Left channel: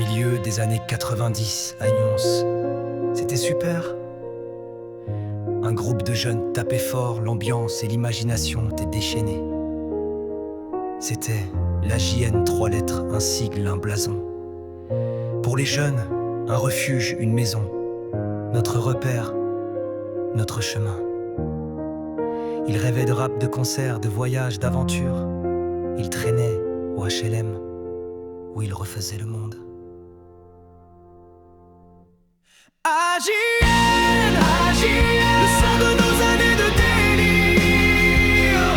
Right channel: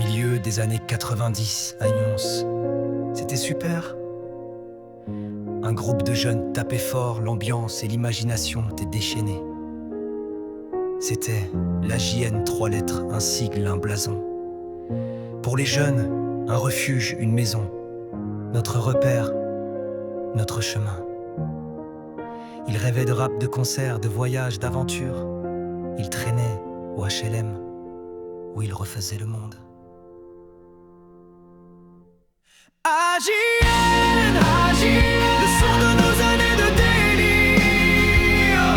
Milieu des années 90 à Nyons. C'était super. Un groupe de jeunes tapait fort, l'ambiance et l'imagination étaient déchaînées. C'était la JN, 3 lettres, un sigle, un blason. Pour les jeunes, un refuge, une maison. Notre repère, notre chemin. Ils rêvaient de rap, de concerts, de voyages, d'aventures. Ils traînaient au HLM, où ils refaisaient le monde. AJN, le son de nos années de délire.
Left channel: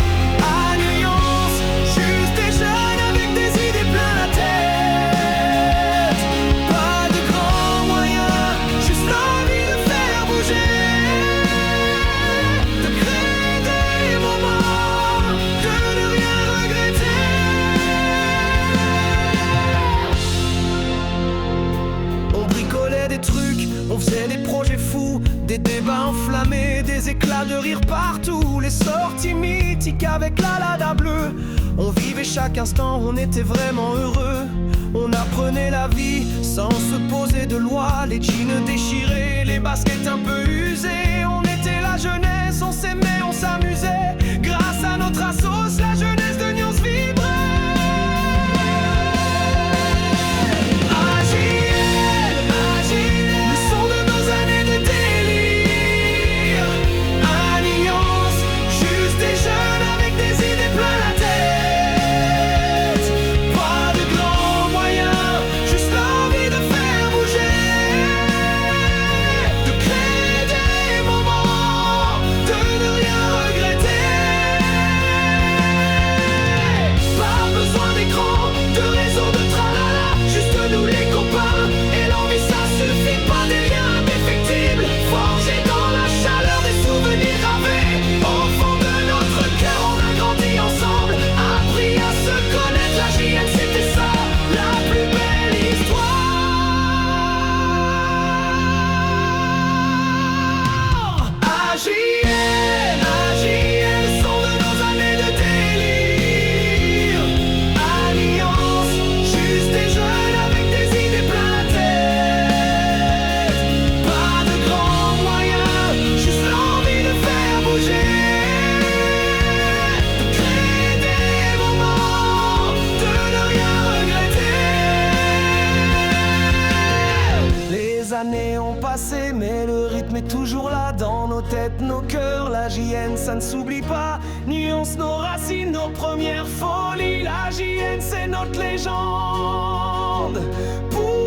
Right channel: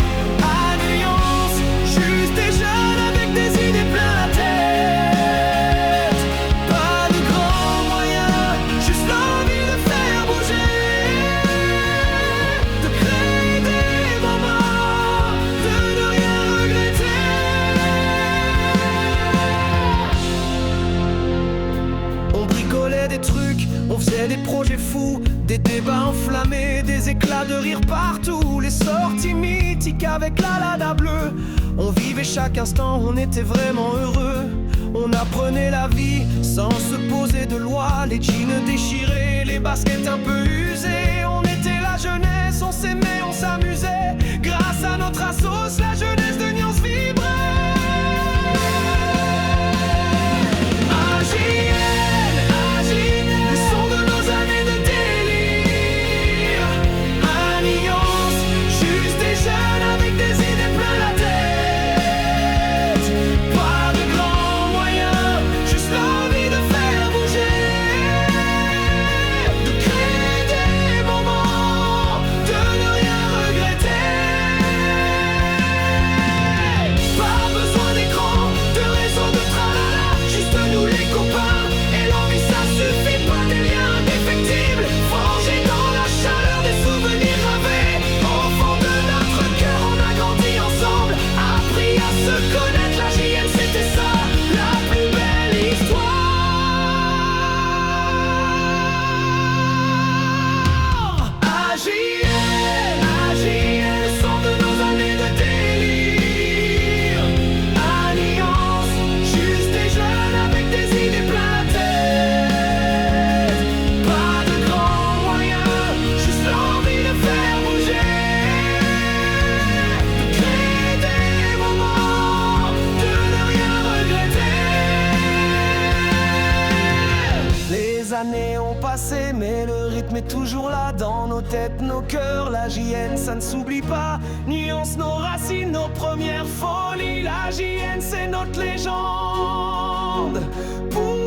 À Nyons, juste des jeunes avec des idées plein la tête. Pas de grands moyens, juste l'envie de faire bouger, de créer des moments, de ne rien regretter. On bricolait des trucs, on faisait des projets fous, des débats enflammés, des éclats de rire partout, les sorties mythiques avec la Lada bleue. On vivait chaque instant, on était vraiment heureux. On apprenait la vie sans se poser de loi, les jeans déchirés, les baskets un peu usées. On était la jeunesse, on s'aimait, on s'amusait. Grâce à notre assos, la jeunesse de Nyons vibrait. Les années ont passé, mais le rythme est toujours là dans nos têtes, nos cœurs. La JN, ça ne s'oublie pas. Nyons, nos racines, nos premières folies. La JN, c'est notre légende. Pour